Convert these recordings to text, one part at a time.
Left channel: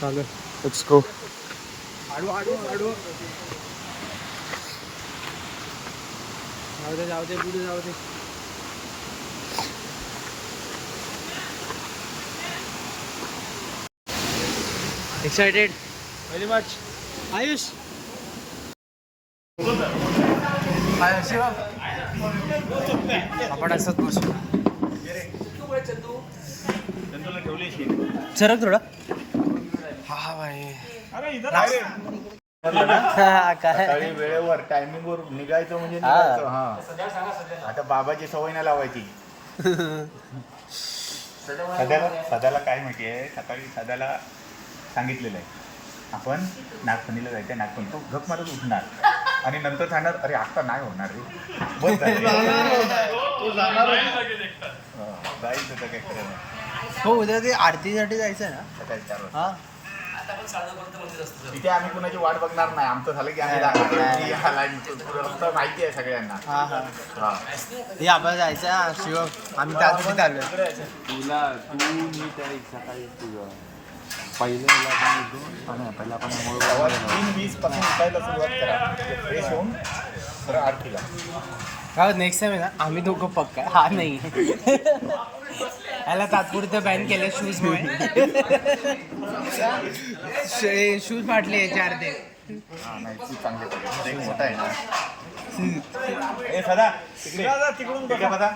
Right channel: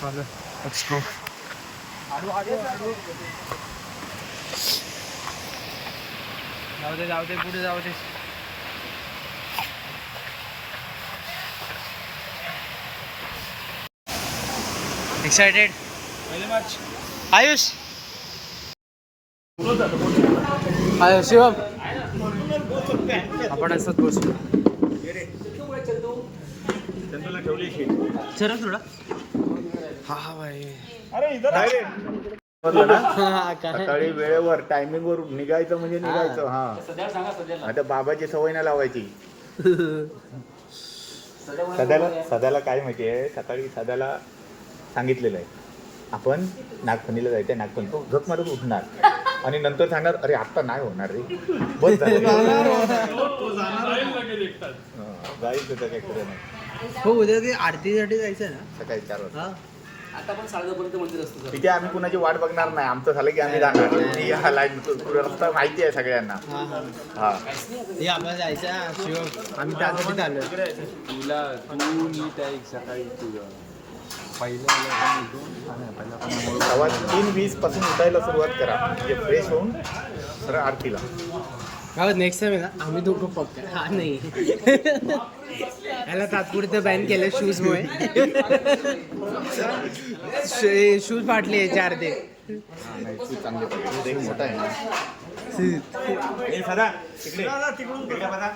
चालू एक्स्ट्रो जाऊ दे पुढे जाऊ दे. Excited very much. Ayush Shivam आपण असंच बसू. चला थोडा. हा भाई सकाळी वेळेवर टायमिंग वर निघायचं म्हणजे निघायचं. हा आता बाबाची सवय नाही लावायची. सदाला काय माहितीये, सकाळी सदाला सांगितलेलं आहे आपण नागफणीला जायचं. नागफणी तो झक मारत उठणार आणि नंतर सांगणार अरे आत्ता नाही होणार रे, बस जायचं तर काय खरं नाही. हो उद्या ते आरतीसाठी जायचं आहे ना सकाळी 4 वाजता. हा इथे आम्ही कुणाची वाट बघणार नाही. आमचं झालं की आम्ही जाणार. लाईन रस्ता माहिती आहे सगळ्यांना. हा हा हा हे आपण जायचं हा शिवम. आम्ही त्यासाठी चाललोय. तुला तू मी त्या सकाळी तुझं पहिल्या 3:20 पासून उठायला सुरुवात करा म्हणजे फ्रेश होऊन सरळ आरतीला. हा नेक्स्ट टाइम आहे ना आम्ही दोघं पक्का. हा नाही याला तात्पुरतं बॅन केलं शूजमुळे. शूज फाटले 4 ते. हा नाही तू चांगले पाहिजे. एक मोठा आहे ना. ए सदा तिकडे तिकडून बघा.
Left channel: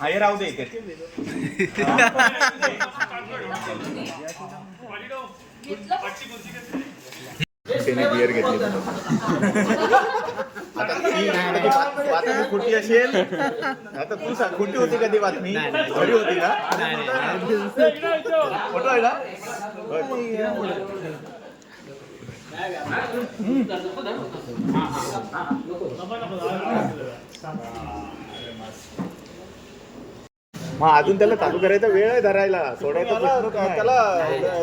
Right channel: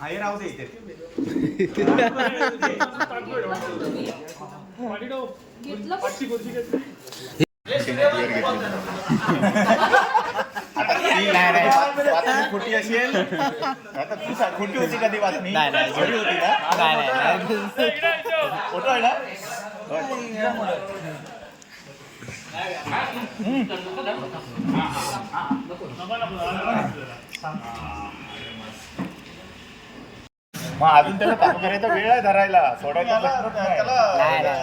हा हे राहू दे इथे. बिअर घेतली. आता ती बातमी खोटी असेल. आता तू सांग खोटी होती का ती बातमी? खरी होती का? खोटं आहे ना. मग अजून त्याला चालू करायचा वेळ आहे धरायला. सोडायचा प्रश्नच नाही.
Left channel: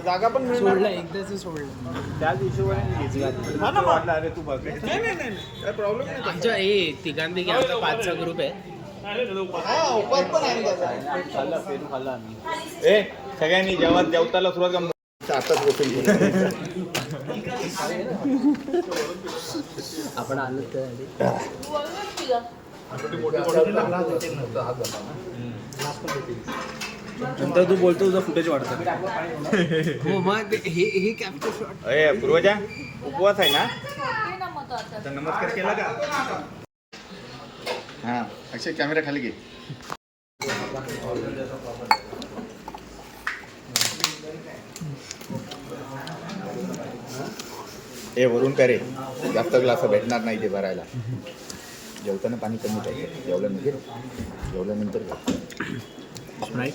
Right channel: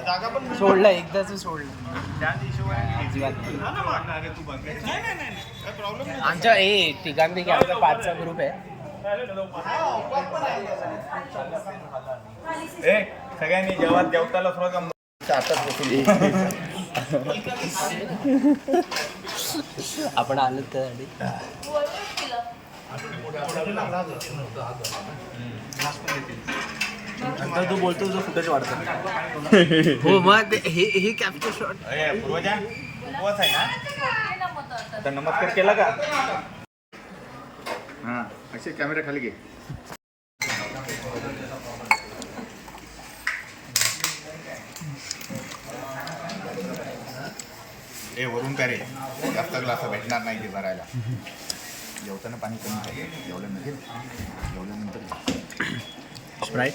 जागा पण सोडलं एकदाच सोडलं. त्याच हिशोबाने तू बघ. आमच्या तिघांपैकी आमचा 5चा ग्रुप आहे. ए सगळ्यांनी जेवताला सुरुवात आताच बसून आपण आलो तर नंतर तू बोलतो तुझं फुटेज वाढतं. हो मग हे कॅप्चर शॉट. पूर्वजा उपवास आहे ना तर नमस्कार केला का? हा अक्षय कॅमेरा खाली घे. ए वरून का रे जास्त ग्लास भेटणार नाही ते भरायला. जेवताना पाणी कमी पाहिजे. जेवल्यानंतर स्प्राईट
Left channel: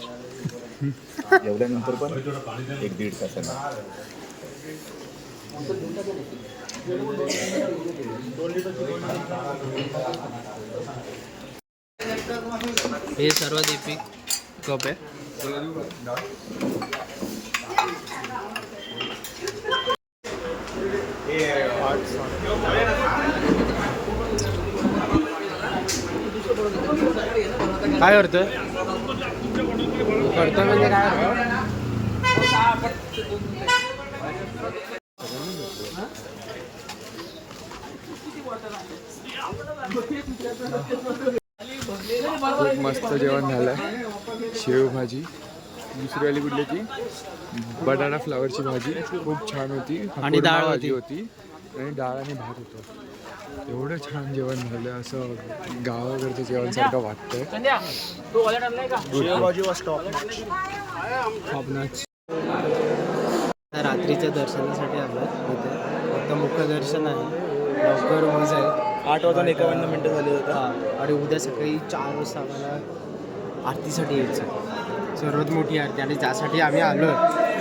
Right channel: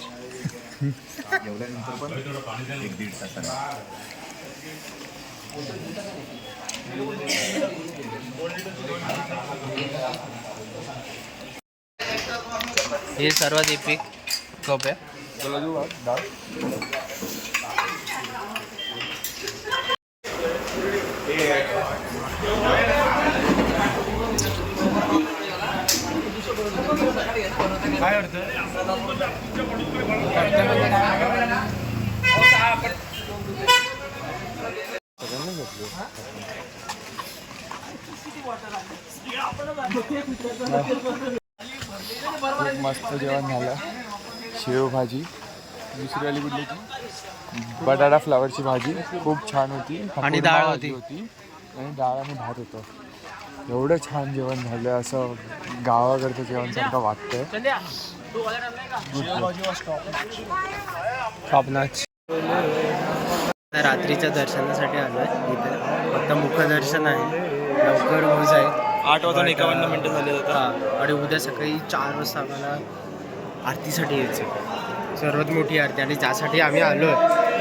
जेवल्यानंतर पण 1-1.5 तासाने. हे सर्वात इपिक कप आहे. काय करतोय? करतो म्हणजे काय? खूप मस्त जेवण झालं. शेवभाजी, दुसरी आली कुठल्याची बटाटा फ्लावरची भाजी खूप छान होती. आणि डाळ होती आणि डाळ आणि भात होतं. एवढं छान जेवण झालं. असं गावाकडचं जेवणसारखं वाटतंय. Top notch. रात्रीच्या दर्शनासाठी आलोय इथे. फक्त मुखदर्शन आहे. लवकर होऊन जाईल. 8:51 झाले होते. आणि उद्या सकाळी 4 वाजता आम्हाला आरतीसाठी यायचं. सर्वात मोठी आरती आणि ज्यासाठी आम्ही आलोय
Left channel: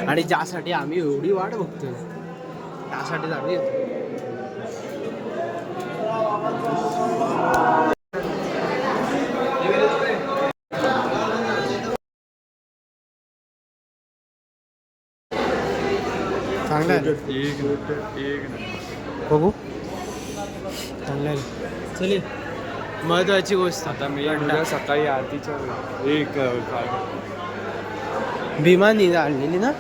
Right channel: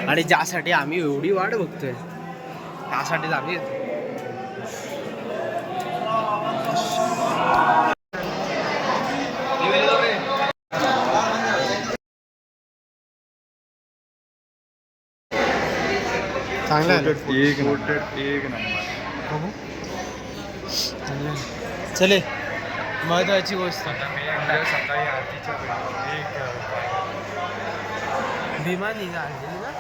आणि ज्यासाठी आम्ही एवढी वाट बघतोय त्यासाठीच आम्ही येतो. चांगलं आहे बघू. चांगलं आहे. चले महत्वाची गोष्ट सकाळी आरतीच्या एक भीमानी आणलेली ना.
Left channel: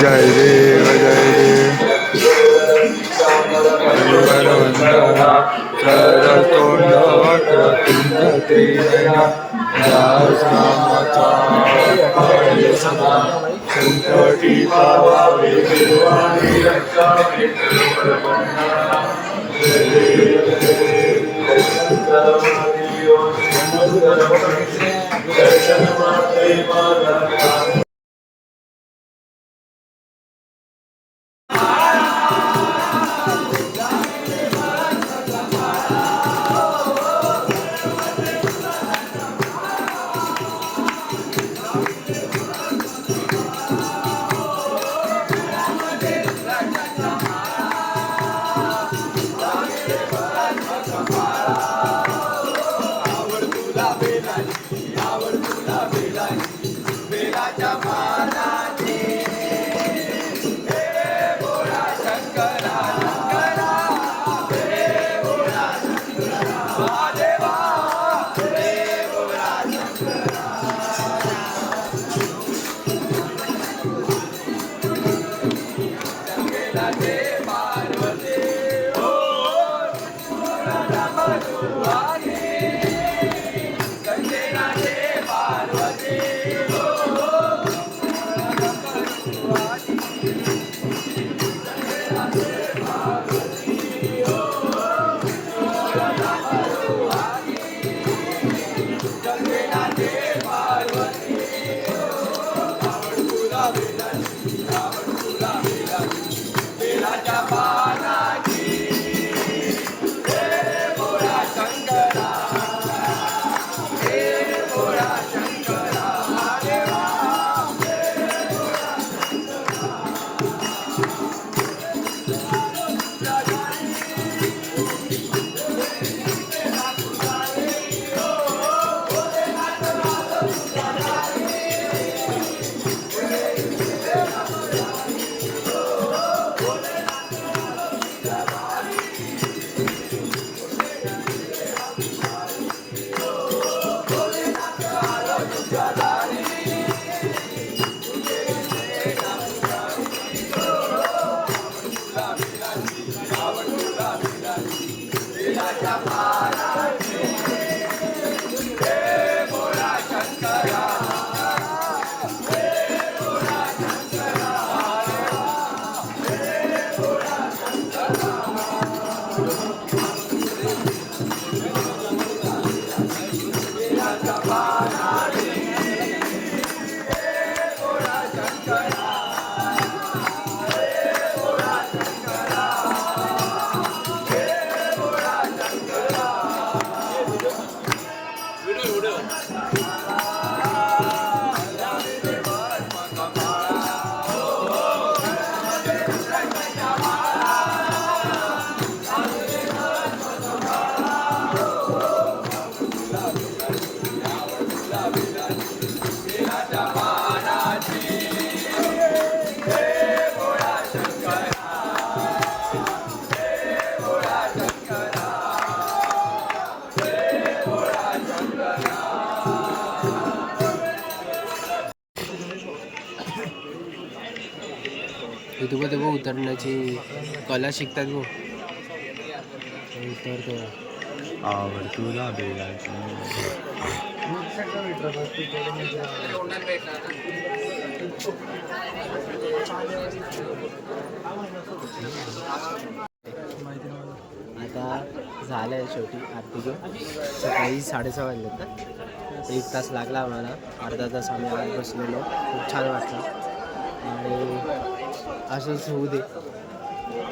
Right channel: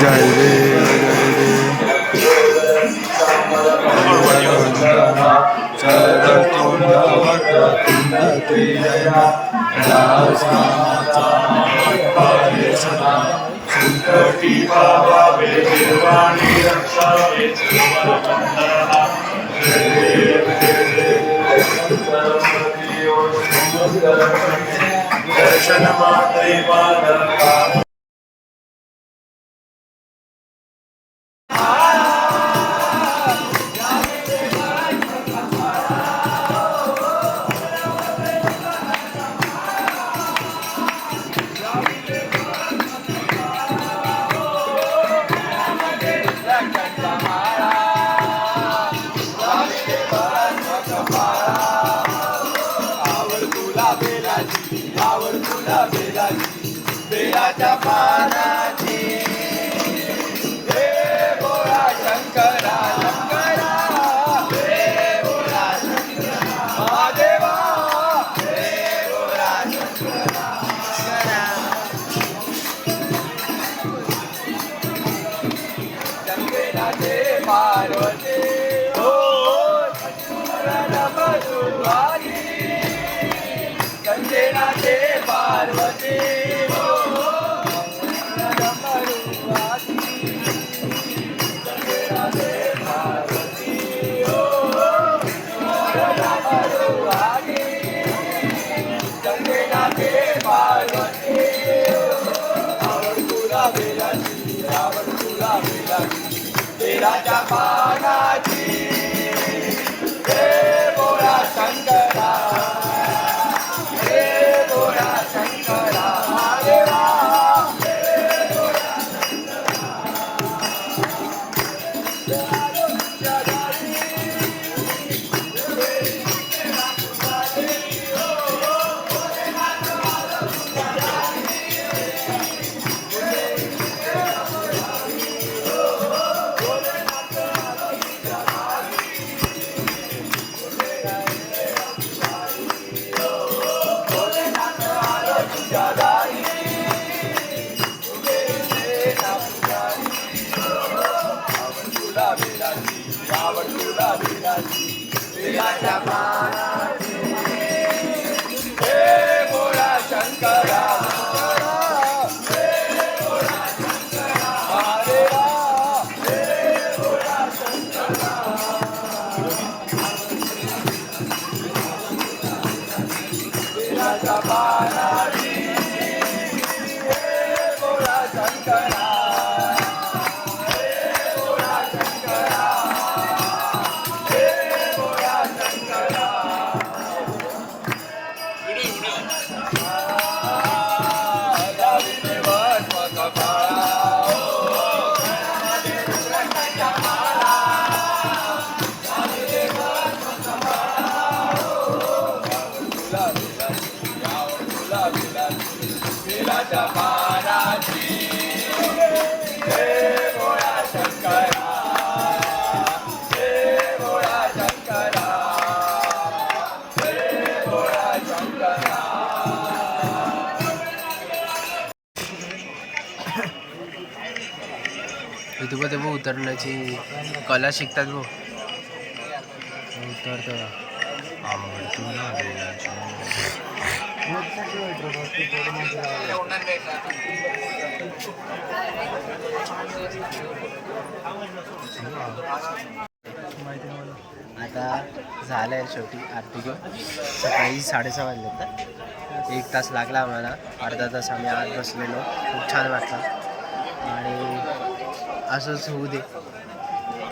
जय देव जय देव चरतोंड वक्रतुंड पाये सदा संकटी पावावे निर्वाणी रक्षावे दर्शन मात्रे पादका इथं बघ उतरण्याची कला शिकतात भाऊ. उतरतो आवड तुला आता झालंय शेवटी आरती घेऊन. सकाळी 6:30 वाजले तर 1 तास लागला आम्हाला. अर्धा तास आम्ही आत बसलेलो. खूप छान वाटलं आणि असंच होऊ दे.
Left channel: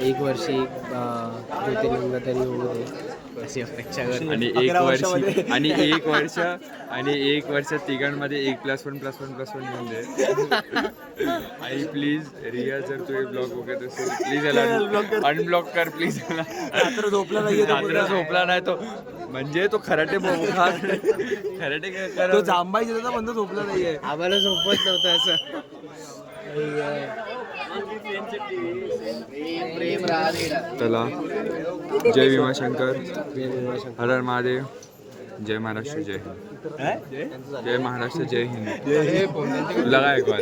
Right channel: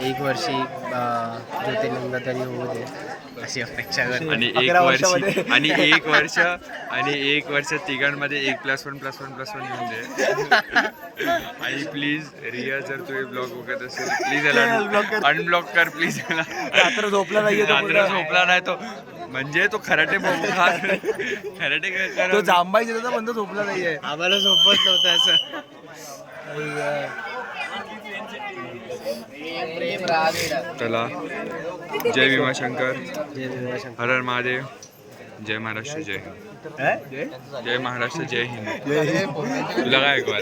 1 वर्षी ज्योतिर्लिंग तरी होऊ दे. अशी अपेक्षा करतो. आणि एक वर्ष तिघांमध्ये 1+1+1+1 येऊन दे. आणि प्लीज रिया जर तू हे ब्लॉग बघत असेल प्लीज याला अनब्लॉक कर प्लीज. याला रात्र झोपला नाही तो म्हणजे तो खराटे तो जांबाई बंद झोपला नाहीये. आम्हाला झोपत नव्हतं असं. चला जय भीमाशंकर, जय भीमाशंकर. हर हर महादेव, जय महाराष्ट्र, जय हिंद. जय महाराष्ट्र, जय हिंद. लगा एक बार.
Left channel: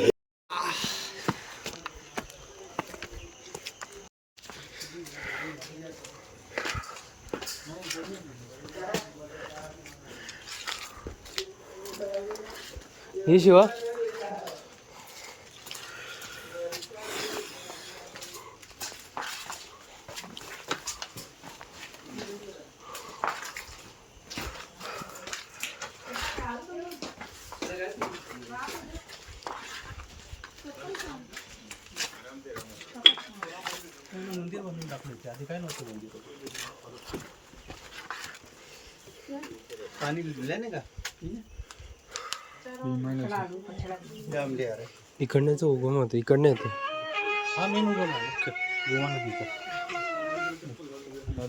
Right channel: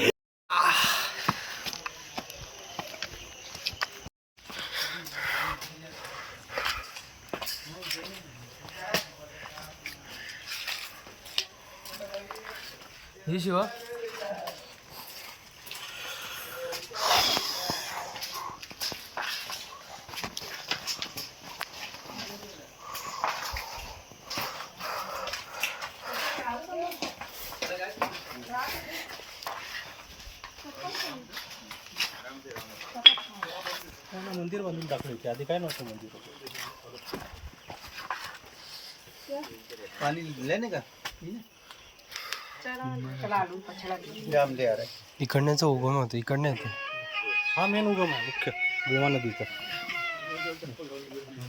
हे शिवा मंदिर बनवून दाखवले होते आधी काय नव्हतं मंदिर. पाणी दिलंय ना का इकडण्याचं उगम होतं इकडनं येतं. हा मेन उगम आहे मुख्य भीमा नदीचा.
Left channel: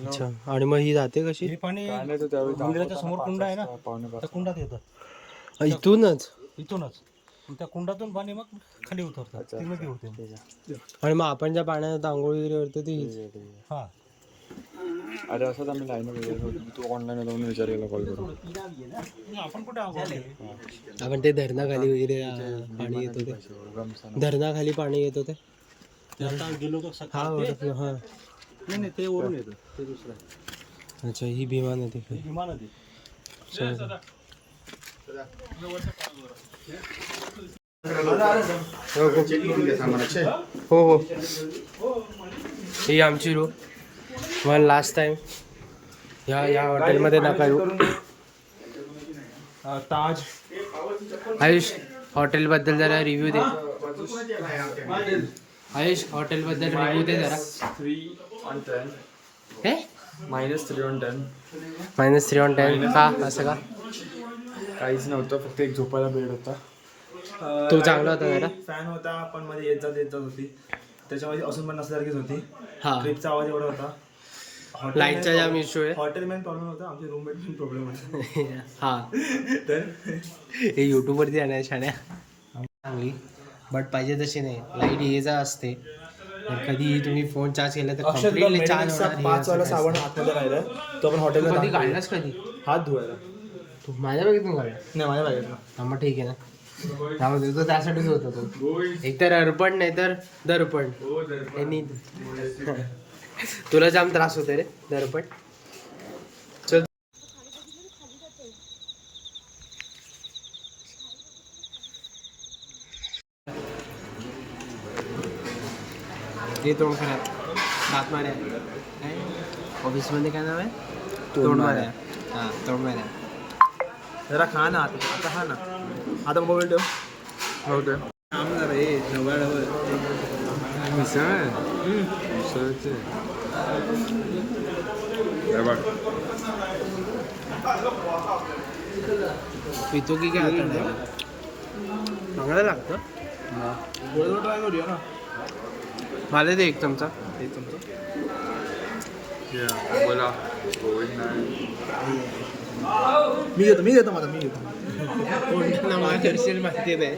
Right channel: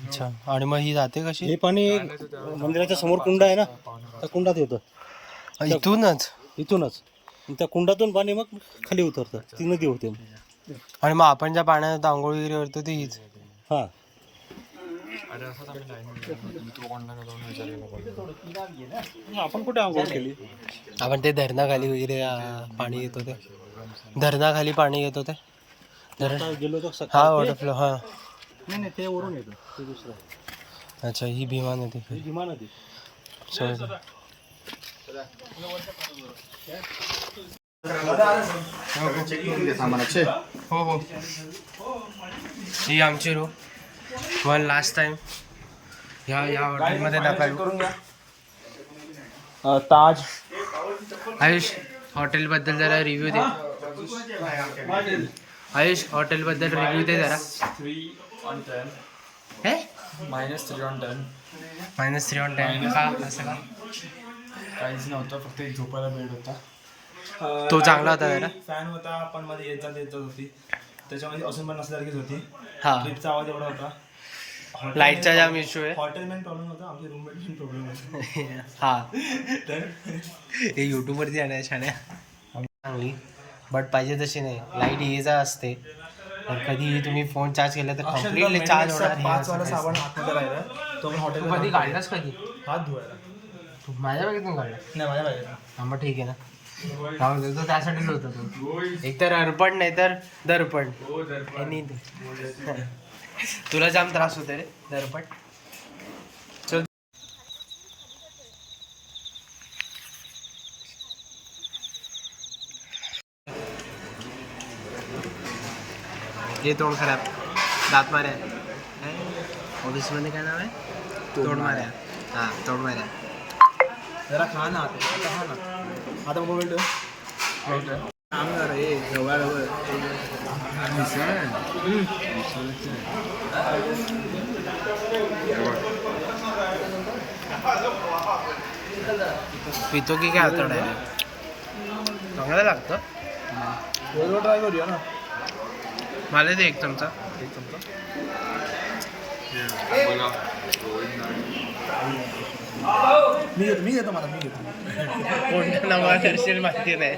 अच्छा आणि मग ही जाते कशी? हे पाणी मंदिराच्या समोर कुंड आहे ना त्या कुंडात येतं इथूनच. इथूनच त्या कुंडातून पाणी मग खाली उतरतं. ती नदी होते. आणि मग आपण ज्या पाण्यात आंघोळ वगैरे करतो ती हीच. हा अरे असंच आम्ही लाईन तू ऑनलाईन जाऊन विचारायला कॉल करू. आपण कुठे आंघोळ केली. आपण ते धरणाखाली वगैरे पाणी येतो ते धरणाखाली पाणी येतो ते आता गेलो तो हा वॉटरफ्लो. हा नाही नाही ते वरून येतं ते दुसरं. अच्छा ही भीमा नदी. भीमा नदी. हो हो ही आमची रूम. वन लास्ट टाइम या हॉटेलमध्ये नका येऊ. ताज आयुष हॉटेलबद्दल जरा रिव्ह्यू दे. आयुष हॉटेलबद्दल रिव्ह्यू दे जरा. 3/10. हे -3/10. -3/10 का असं का? काहीच नव्हतं फक्त एक झोपायला बेड होता. तो चांगला होता जरा. फॅन होता पण मध्ये येत जात होती त्याच्यामध्ये असून पण नसल्यासारखीच होती. हा ट्रिपचा आवाज एवढा होता. लाईटचा जाम इश्यू आहे. हॉटेल मॅन प्रॉब्लेम होता आमचे रूममेट पण प्रॉब्लेम होता. हा तर हे यूट्यूबवरती आहे छान चांगली बट पाहिजे तशी नाही. लाईट ये जा असते तर कधीही तुम्ही फोन चार्ज केला तर कम्प्लिटली चार्ज होणार. पाचवाला साबण हातमध्ये राहिला तो पण हॉटेल कधी काढलास कधी हात धुवायला. तू माझ्या बघितून काढला. नाही माझ्या लागेल हा मग ठीक आहे ना. त्यामुळे तो त्यासाठीच होता तो. एक तर अर्पण नाही तर दर्पण. तुला जाम त्रास होतो रे दर्पण. चल हे तोंड खराब दात माऱ्या काय ऑफिसमध्ये काय नाव आहे? तोंड माऱ्या. हां तोंड माऱ्या. जरा खा ना आता खा ना. आता मोबाईल ठेव. सांगणार हे जवळ मिसळ आहे. मिसळचे पितो की काय आता डायरेक्ट चांगलं लागतं. गोळगोळ ट्राय करूया ना. मला दे एक चमचा. एक चमचा बोला. मी घेतो माझा मी घेतो. कोणत्या नावा करशील माहिती नाही.